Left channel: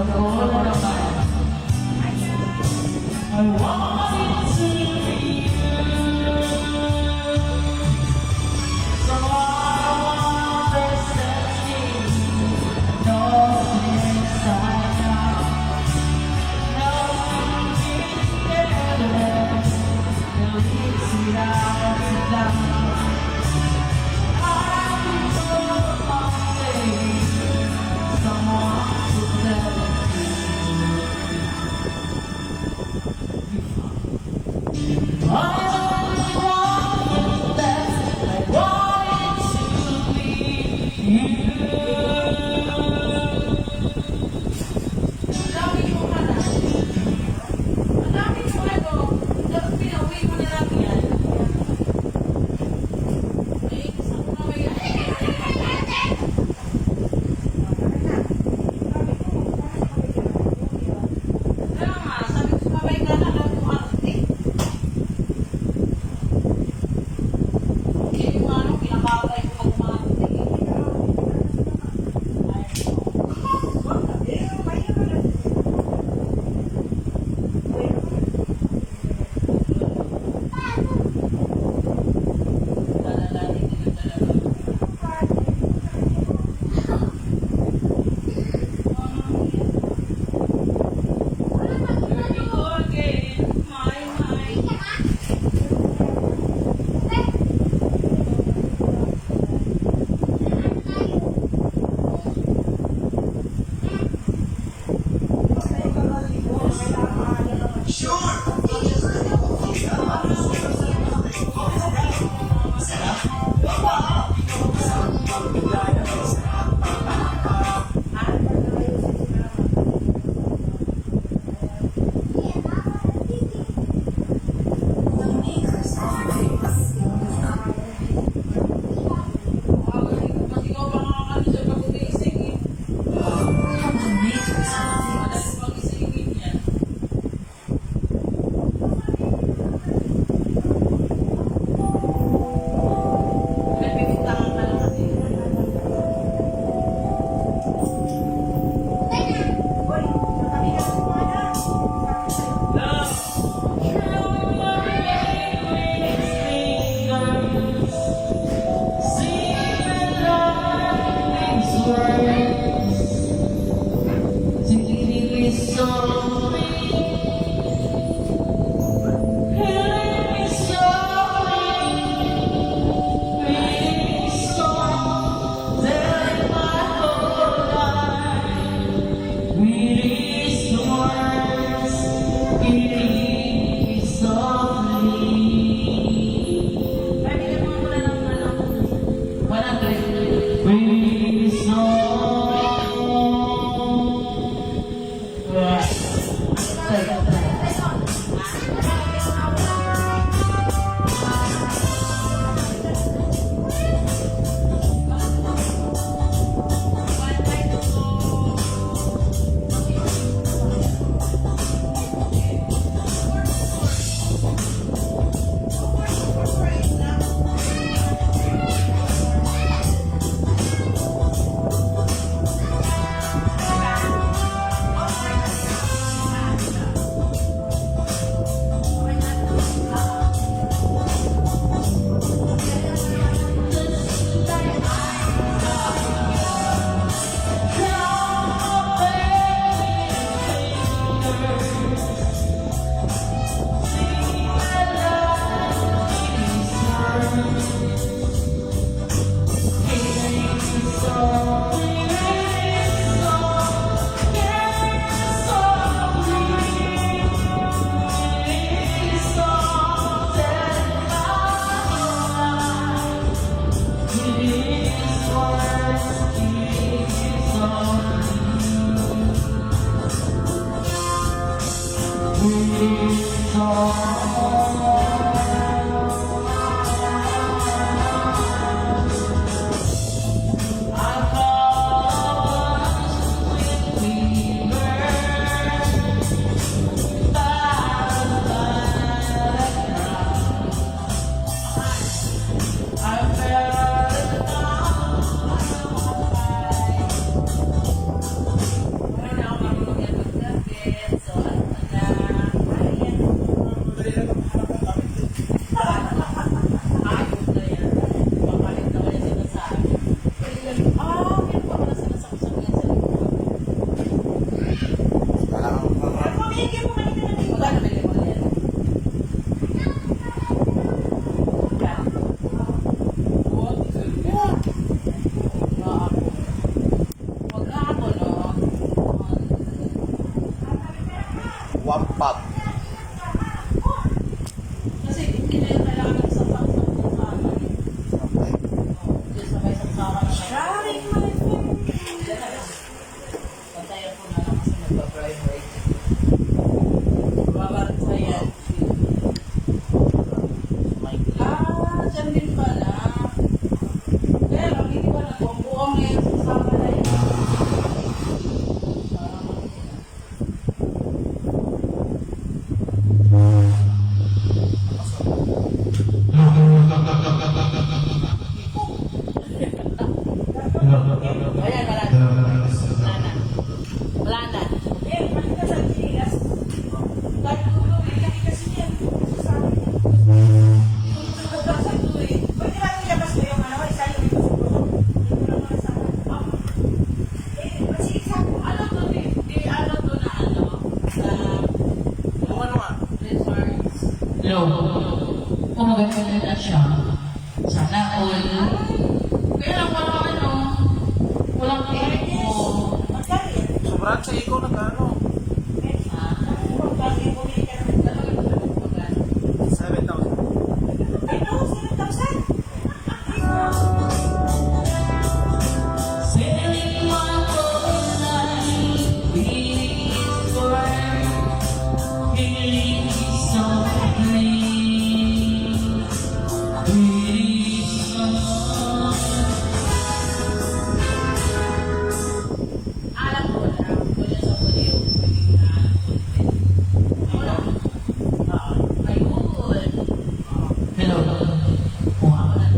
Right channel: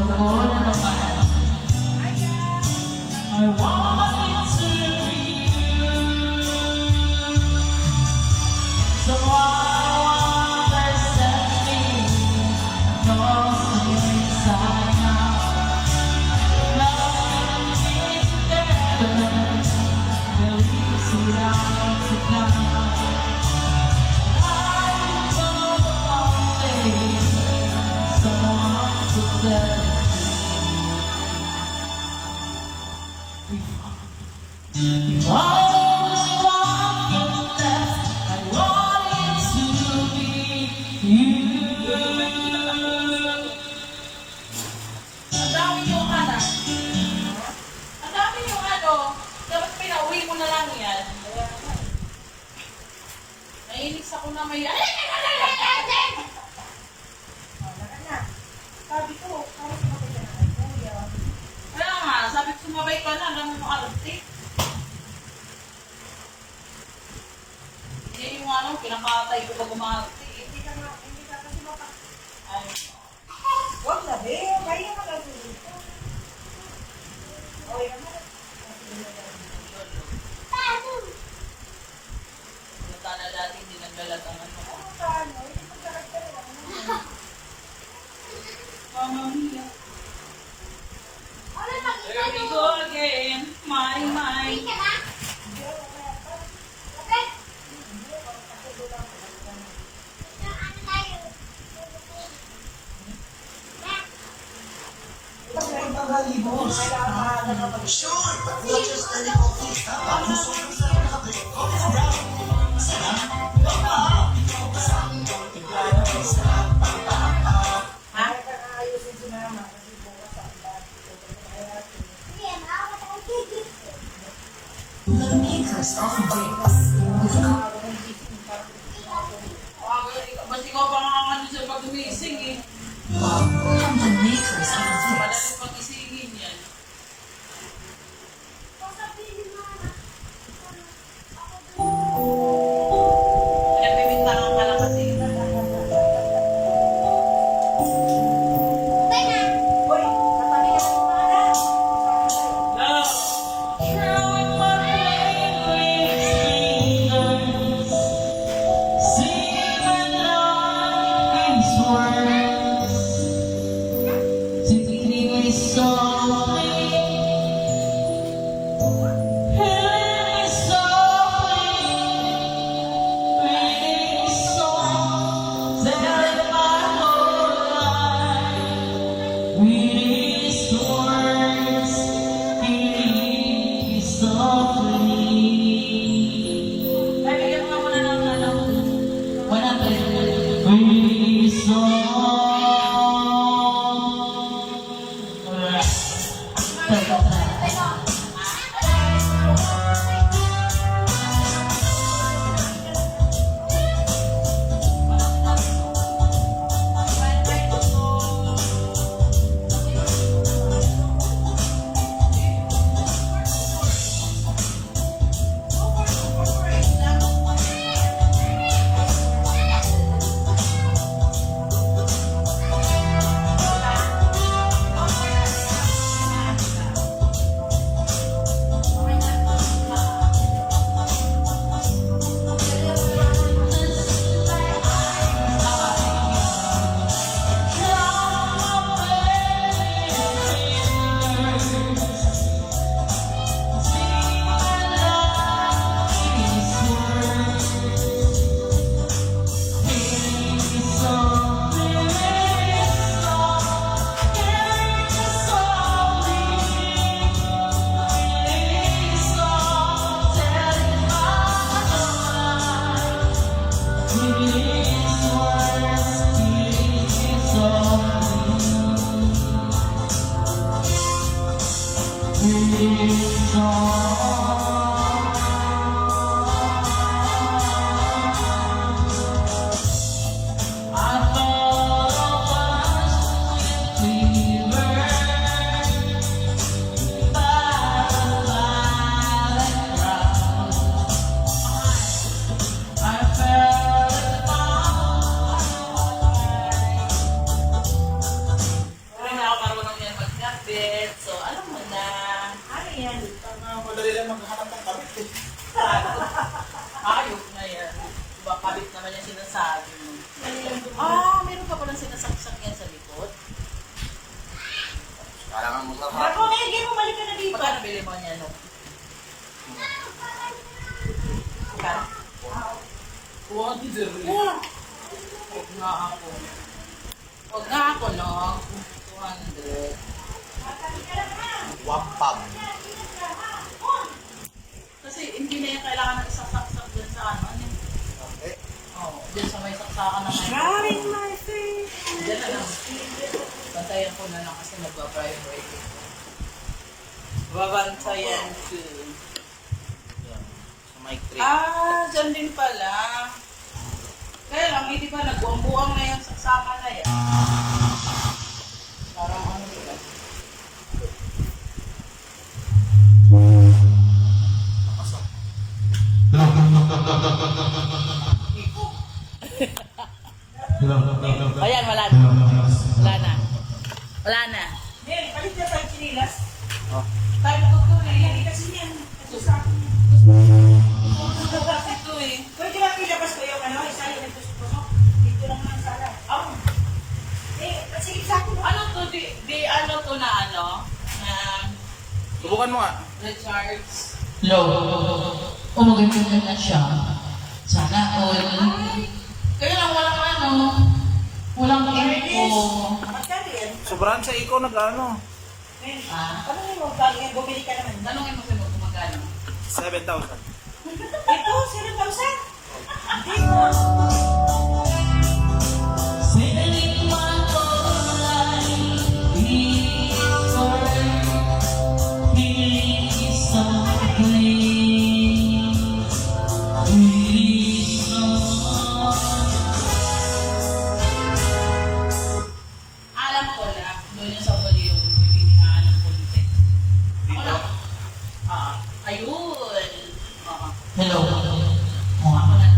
ko na naman. I want it to be you. Someone understands me, knows me inside out. Loving me together, we'll ease it out tonight. Pinakatay ko pag umarte. Huwag sabi, kaya ka lang. Tala natin din ang talaga. Here we go again, my mind. nandyan din pala. Kaya lang, hindi ba nagbuang-buang na yan sa sama na yan? Parang ano ba? Ayan, wala na. Wala na. Wala na. Eh, balik na sa chinilas. Tayo ko eh. Lagi kasi yan. Susama. Ito eh. Pwede lang ilabas ko yung ano, isa yung tusok-tusok. Dito lang naman sana. Ah. Eh, sige, sakto. Ano to? Ano to na ano? Na Subukan mo nga. recharge. Low. O maganda na siya. Sana all. Kaya lang walang ano. Walang info. Magkano yan? Sobrang sa ikaw nag-ano. Eh, ano yung bago yung bumili ka naman? Tanongin ko sa'yo kung magkano. 7,000. Ito, 7,000. Sailing my whole life before feeling so clean. Pretty soon. Alam ko na. Doon yung sa video. Pagkikinaan ng content. Wala. Ayun. Hello. Kuha ko na.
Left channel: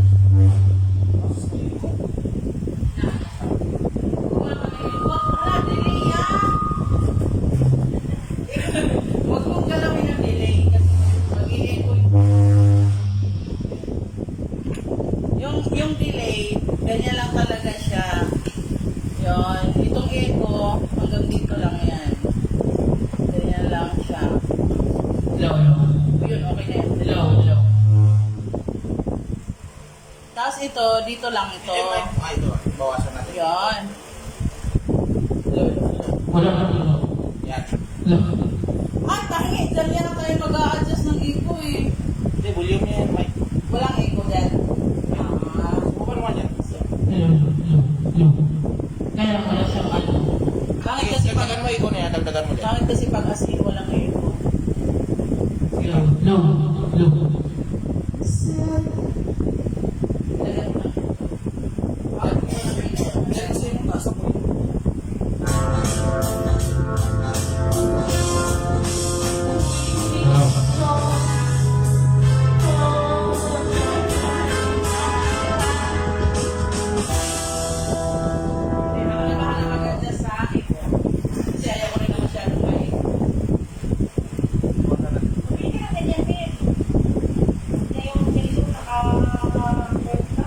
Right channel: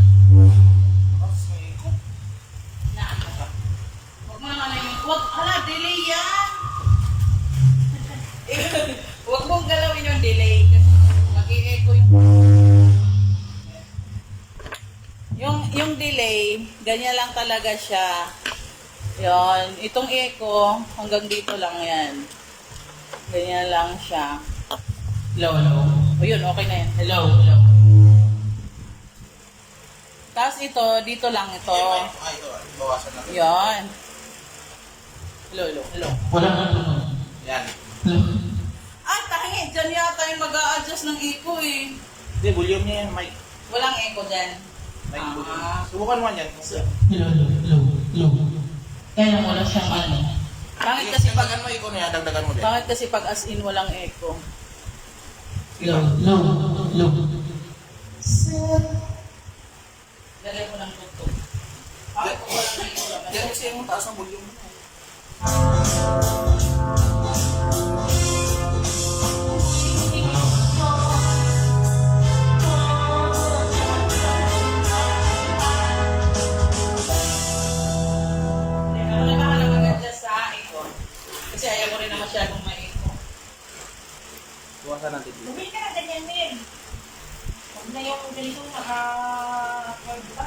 Huwag mong galawin yung delay kasi mag-i-echo yung delay, ganyan lang talaga siya. Yon, itong echo hanggang dito lang yan. Ganyan lang siya. Hello, hello. O yun, okay na yan. Hello, hello. Tapos ito, dito lang ito. Ay, ito. Bawasan natin. Yon. Hello, hello, hello. Wala na hello. Yan. Hello. Ah, tahi, dyan yata yung mag-a-adjust ng echo eh. Hindi, volume niya yan, Mike. Walang echo dyan. Subukan mo yan. Hello, hello, hello. Kaya lang wala siyang ano. Bakit kasi pag Dagdagan mo ikaw niya, dagdagan mo din. bakit kasi pag as in walang echo? Hello, hello, hello. Lagyan ko ng tuto. Bakit ko walang echo naman? Yan kasi yung taas na volume. Hindi ako na bahala mag-adjust sa echo. Kasi ayaw ko rin na masyadong may echo. Bawasan natin. Bumili ka na ganyan, Min. Hindi yung ganito naka-work na.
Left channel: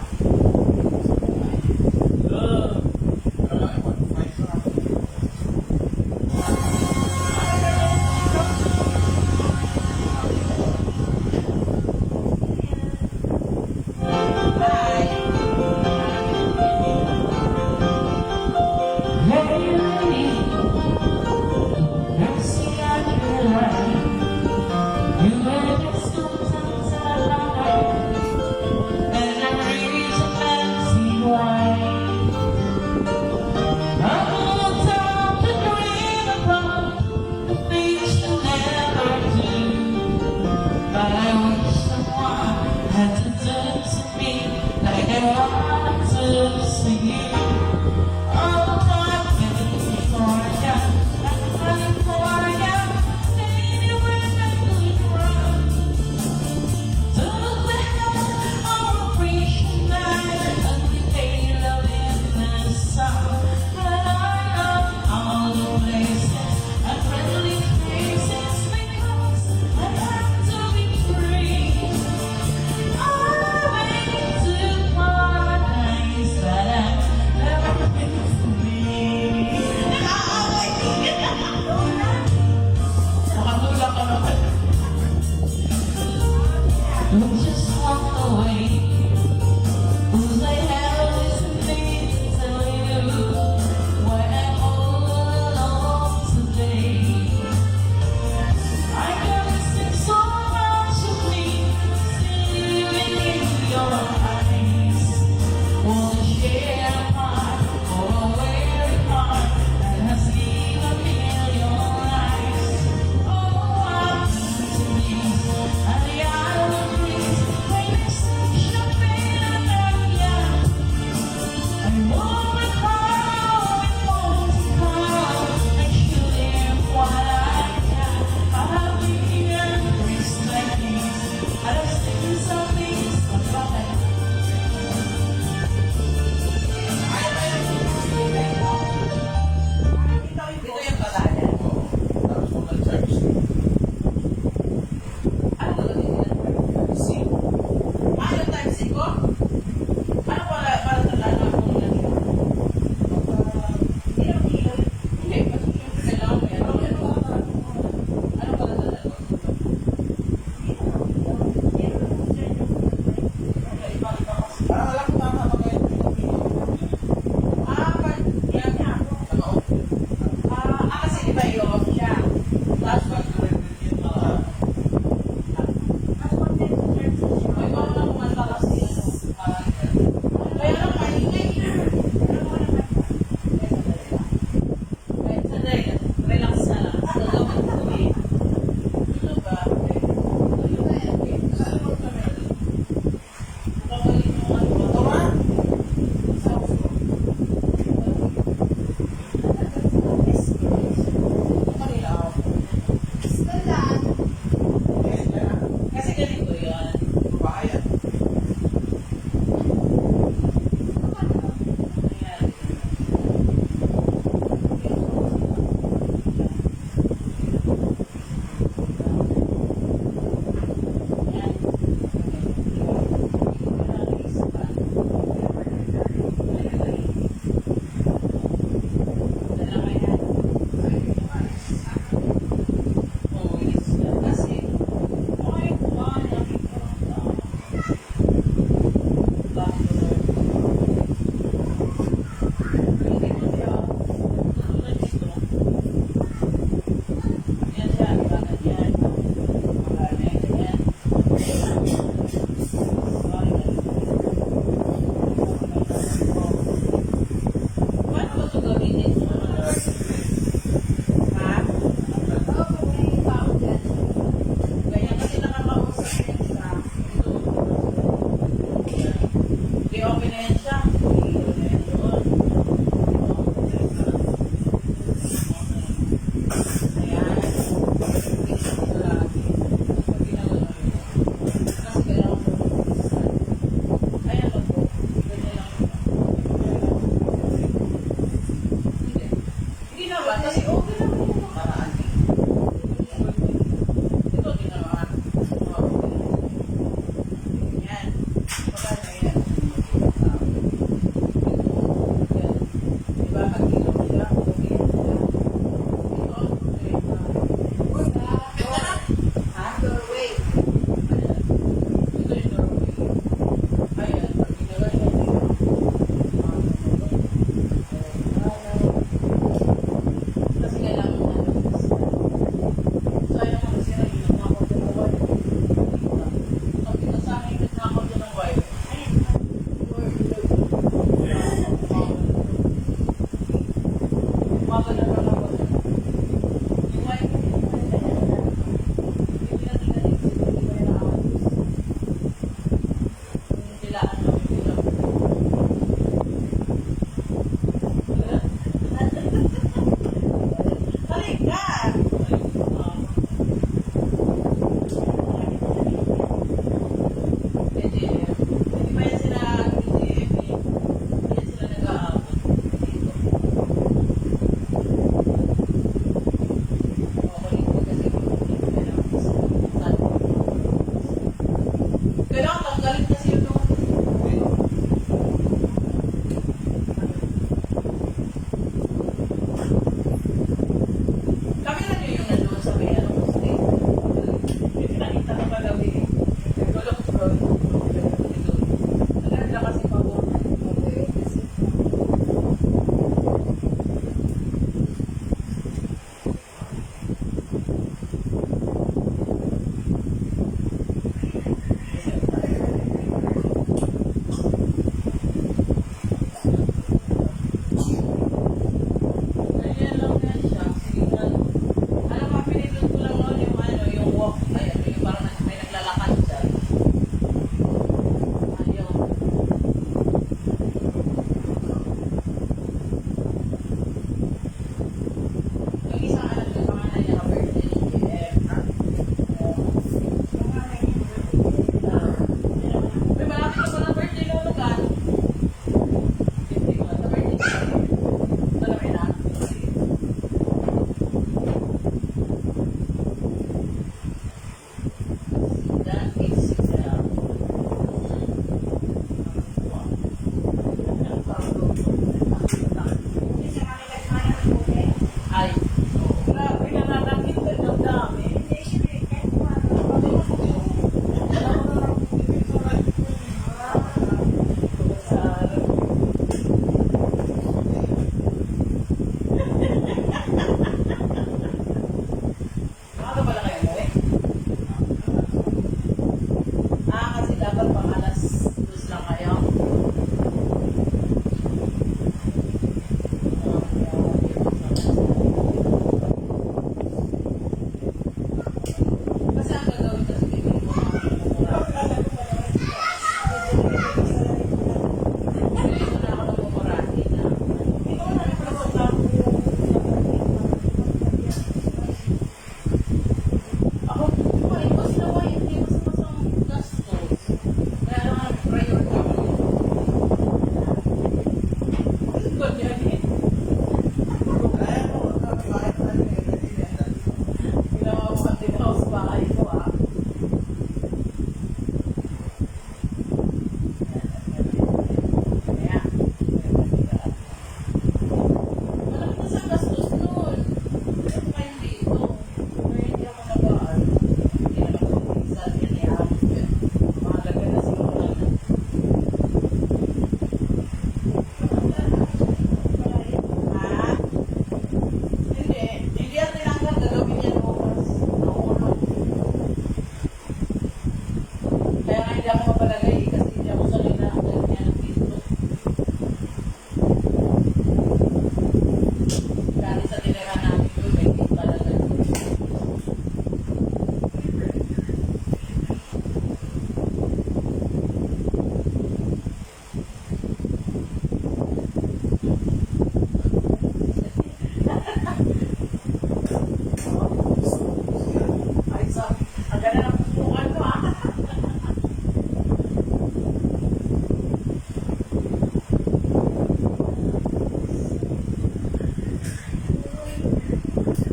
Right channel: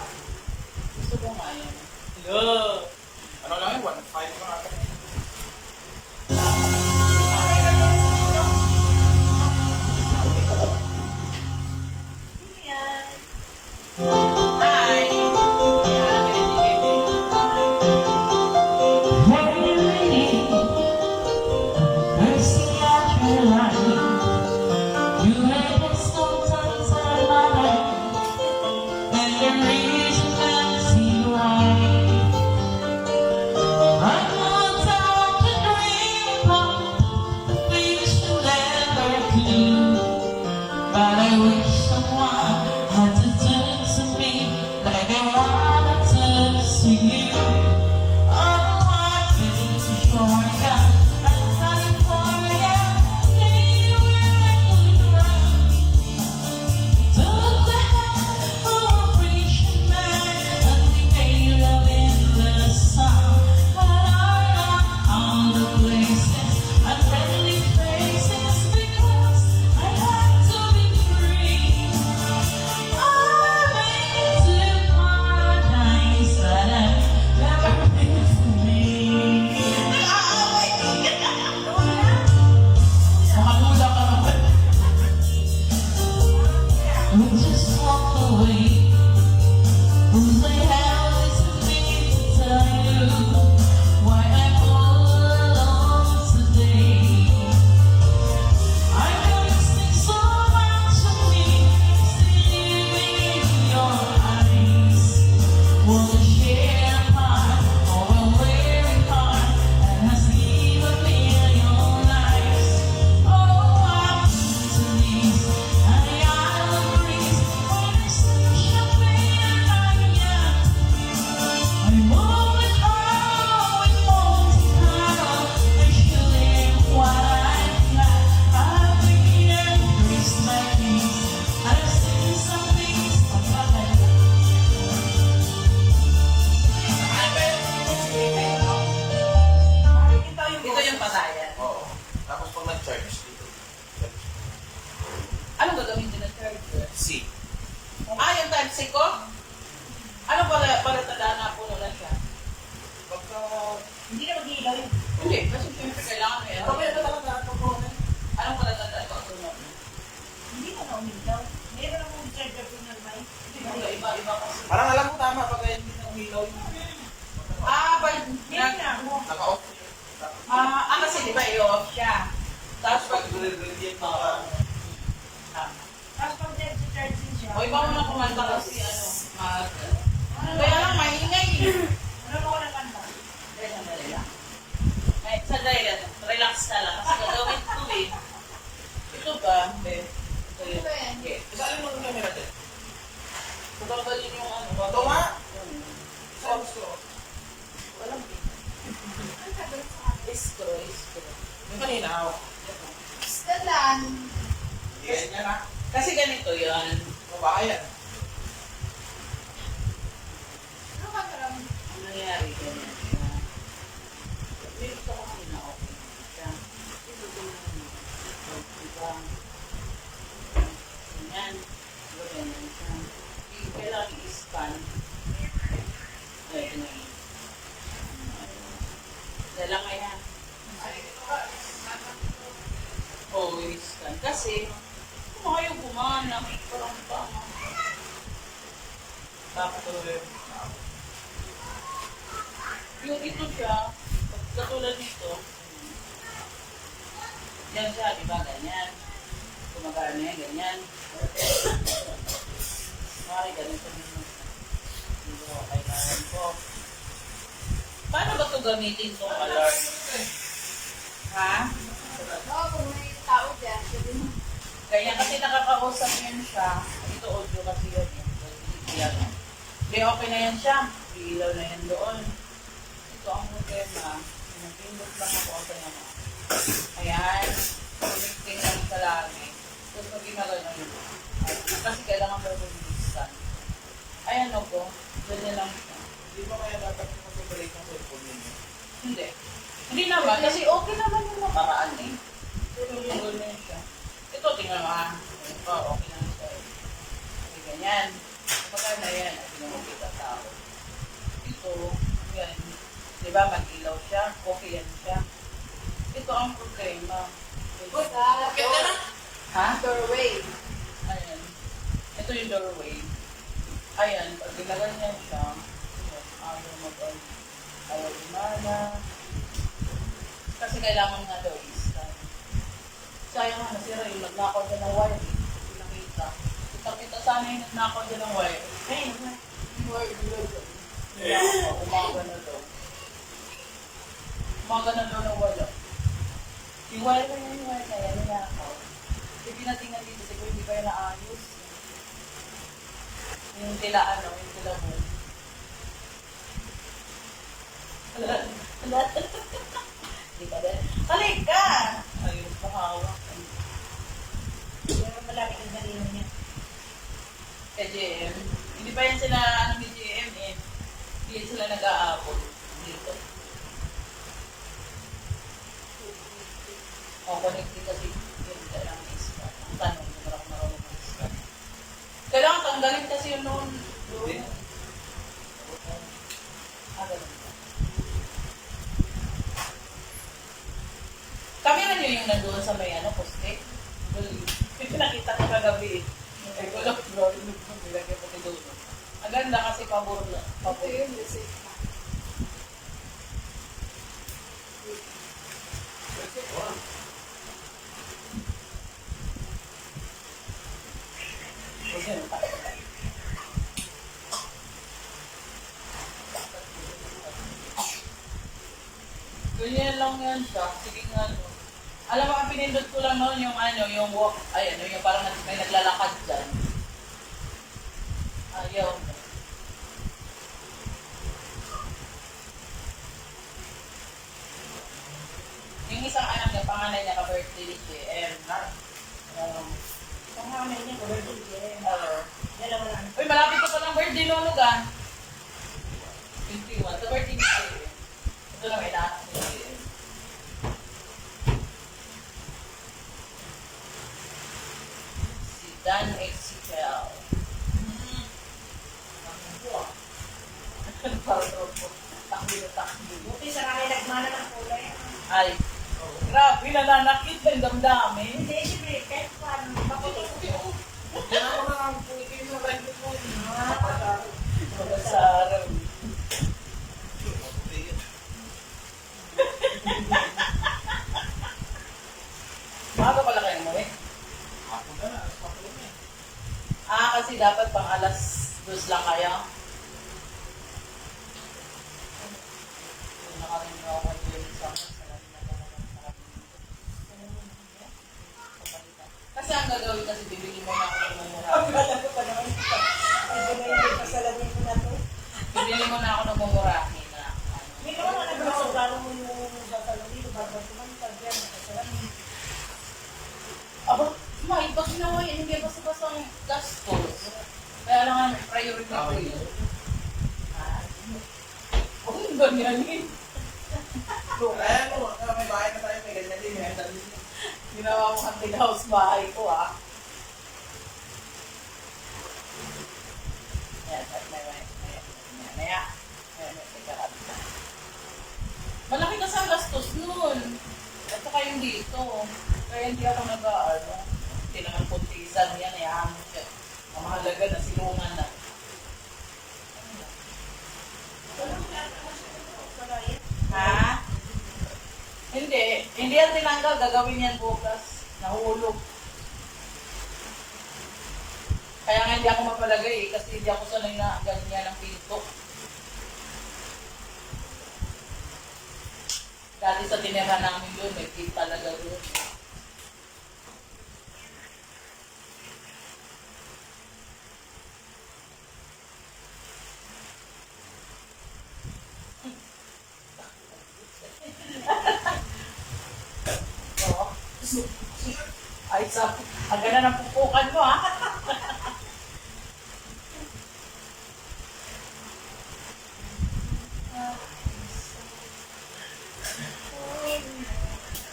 Gusto ko nga eh. Ano lang yun? 1.5 lang ako. Yan. Hi! Hey, lady, I see out your light. You had sometimes I life, and the reason I see why. I want time to dream about the things you never do, but I wish someone had to do to me like I wanted to you. Oh, my baby, for ya, I'm running for ya, anywhere I could run. Took the hand of a preacher man, and we made love in the sun. But I love all the places and friendly faces because I have to be free. I make it to paradise, but I've never been free. Nakabula ka naman. We just walk away. Who's the hell is me to tell you why I'm all alone today? I can't see so much of me still in your eyes. Wanna share a heart or a weary heart that has seen a million lives. Oh, I'm to me, and the island breeze bayan. Nangyari ganyan. Yan. Kailangan i-scan. Dala ka yan. Oo, i-scan. Kasi, kung ayaw kumana, parang tama. Doctor. Yung ito siya, katulad dito. Yan siya, di ba? Ganyan. Magana yan, ganyan. Sorry, ganyan. Okay, ganyan po. Paano ba ito gamitin ito? Ha? Ganyan kasi nakakausap yan siya. Ito, ito kasi yan. Okay, okay na yan siya. May ilaw na yan doon. Ito ang problema. Pindulo pa ng okay na. Ayan. Pindulo na ito lagi. Tapos pag ginagano yun. Kasi kailangan mo mag-isa. Ayan o po. Ganyan lang. Hindi pa kaya naman yung pagkabalik. Hindi. Hindi naman. Kasi okay naman yung nakaraan eh. Ganyan siya. Ito, tingnan mo ha. Oo, okay na siya. Hindi ganyan. Maganda yan. Nakikita tao. Ito, yan. Diba, mag-ilaw siya. Okay yan siya. Ito ang problema. Ha? Ayan. Ito yung doorway. Ayan. Pag ginaganyan siya. Ayaw gumana. Kasi kailangan na lawis. Sayang nga kasi yung nagnakaw dyan ng wire. Nakita. Pag ito sa amin, nagnakaw dyan ng wire. Ayun. Umaga na daw. Umaga na daw ng wire. Yung wire na yun, wire na yan, nila ako. Hindi pinatingin si pwede ba yung naayos. Yung tilaan na, yung tilaan mo. Balik ka! Ayun, kumawa. BGM. Hindi pa yan sila BGM eh. Hindi yan sila nag-aabot. Dito. Kukulikti kasi sila ng isa. Kailangan tanggalin kasi yun noon. Uy. Kami na nyo yung nandun sa may ano, poste. May pinakita ko kagabi. May gulong bro. Ang ganda kasi pabor na. Pabor yun. Ganyan lang yan siya. Sige nga. Alam mo, ang pinindot ko lang noon yung ano, yung walk. Ay, ano, yung parang may naglalakad dyan. Ayaw. Yung isang anak niya, panganay niya ka birthday ni JM. Ha? Uy, malapit ko pa ng birthday lolo ka. 51. Sa birthday ka. Ito lang ina. Si Dan HCL. Ay, grabe, nalalakit lang damdami. Sa araw. Maaga pala kayo mo eh. Kasi dapat pang alas 2 lang kayo. Kasi ang gagawin kasi bibigyan mo ng bibili mo na ako ng mumurahin na. Ako, kahit pag ginawa yan, hindi basta-bastang gastos. Ganyan eh. Kaya mo, may bahay na tayo, may ganyan din, may andal din. Ginawa mo ang tinaos bahay ko ah. Yan, at mamaya. Malaki kasi ang gastos nun. Ito kayong dito. Kaya hindi ako nag-aarma. Hindi naman kuntisan yan eh. Mahalaga na silungan na. Ha? Hindi. Hindi yan tinanggal. Gagawin yan bukas. Nahulog. Kaya nga hindi ako mapalagay eh, kasi hindi ako sanay na ganyan ang pinto. Dahil sa tinira namin yun, may tip talaga yun. Oo. Ay, ang ganda ng pupukan mo ah.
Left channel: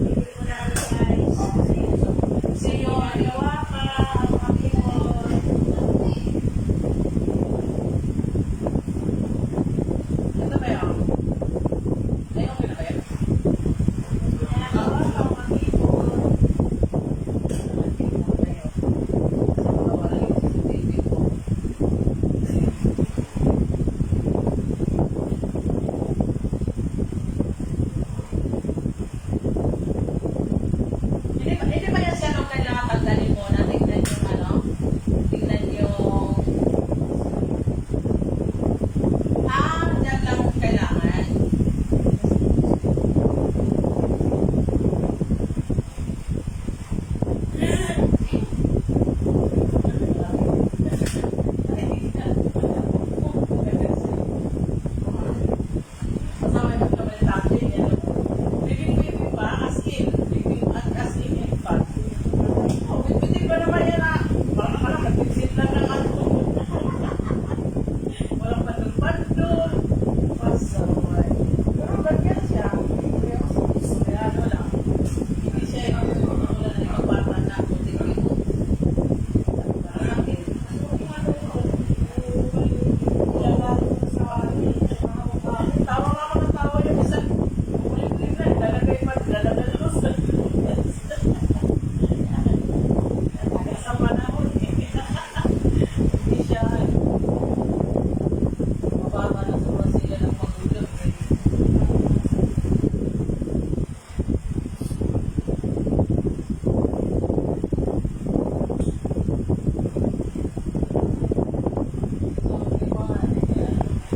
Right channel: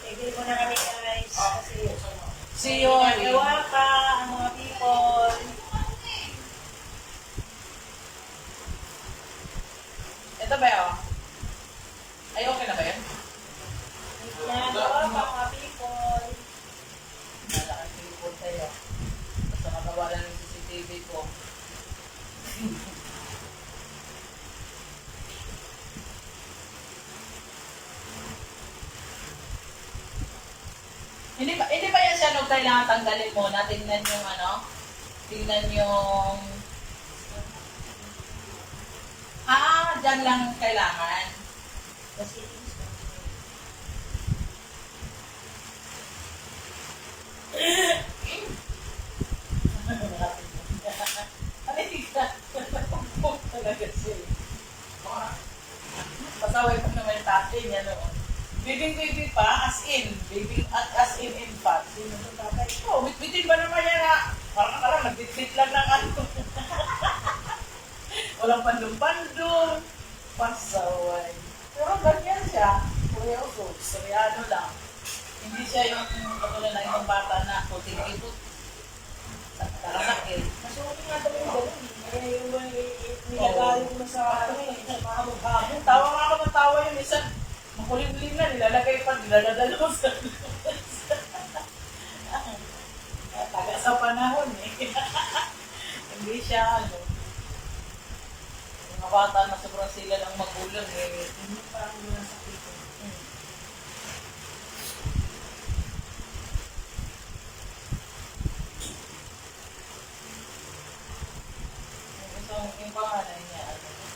Bibili mo na kami guys. See you. Gawa ka, ang mga people. Ito ba yun? Ay, okay na ba yun? Gawa ka, mga people. Nalakan people tayo. Sa magawa na ng CCTV ko. Hindi ba yan siya nung kailangan tanggalin muna? Tignan yung ano? Tignan yung... dyan lang kailangan. Pasaway mo naman yung tatay niya. Bibing-bibing pa, as in. Bibing at as in fact. Oh, bitbitin pa naman yan ah. Parang alam, nagtitbit lang ng ano. Walang pandong-pandong. Pasaway. Pero ganyan siya. Kuya ko, gusto lang. Hindi siya yung ano na yung bata na puting ito. Nakasakit. Tawa nga ako ng tawa yung isa. Kulit-kulit na, nilalagay pa, nilalagos. Taga sa panahon eh. Hindi siya, mga bata na sobrang sila ng magulang eh. So, yung mga ano niya,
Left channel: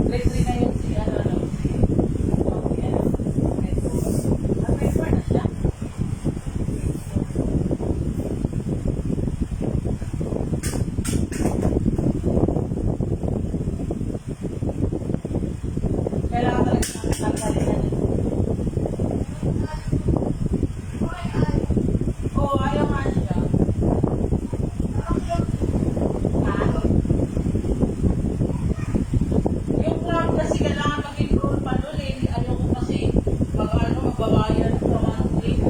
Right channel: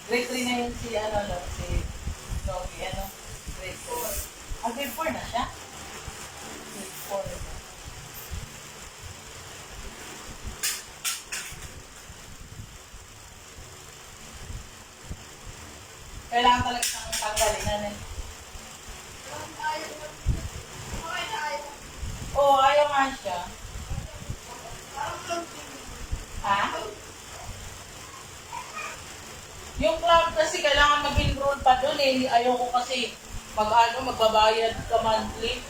grade 3 na yun si ano lang, si Joey, ano, grade 4. Grade 4 na siya? Grade 4. Kailangan talaga ng tanggalin na rin. Oo, ayaw nga siya. Ha? Yung club kasi kailangan mag-enroll pa doon eh. Ayaw ko kasi magbabayad ka monthly.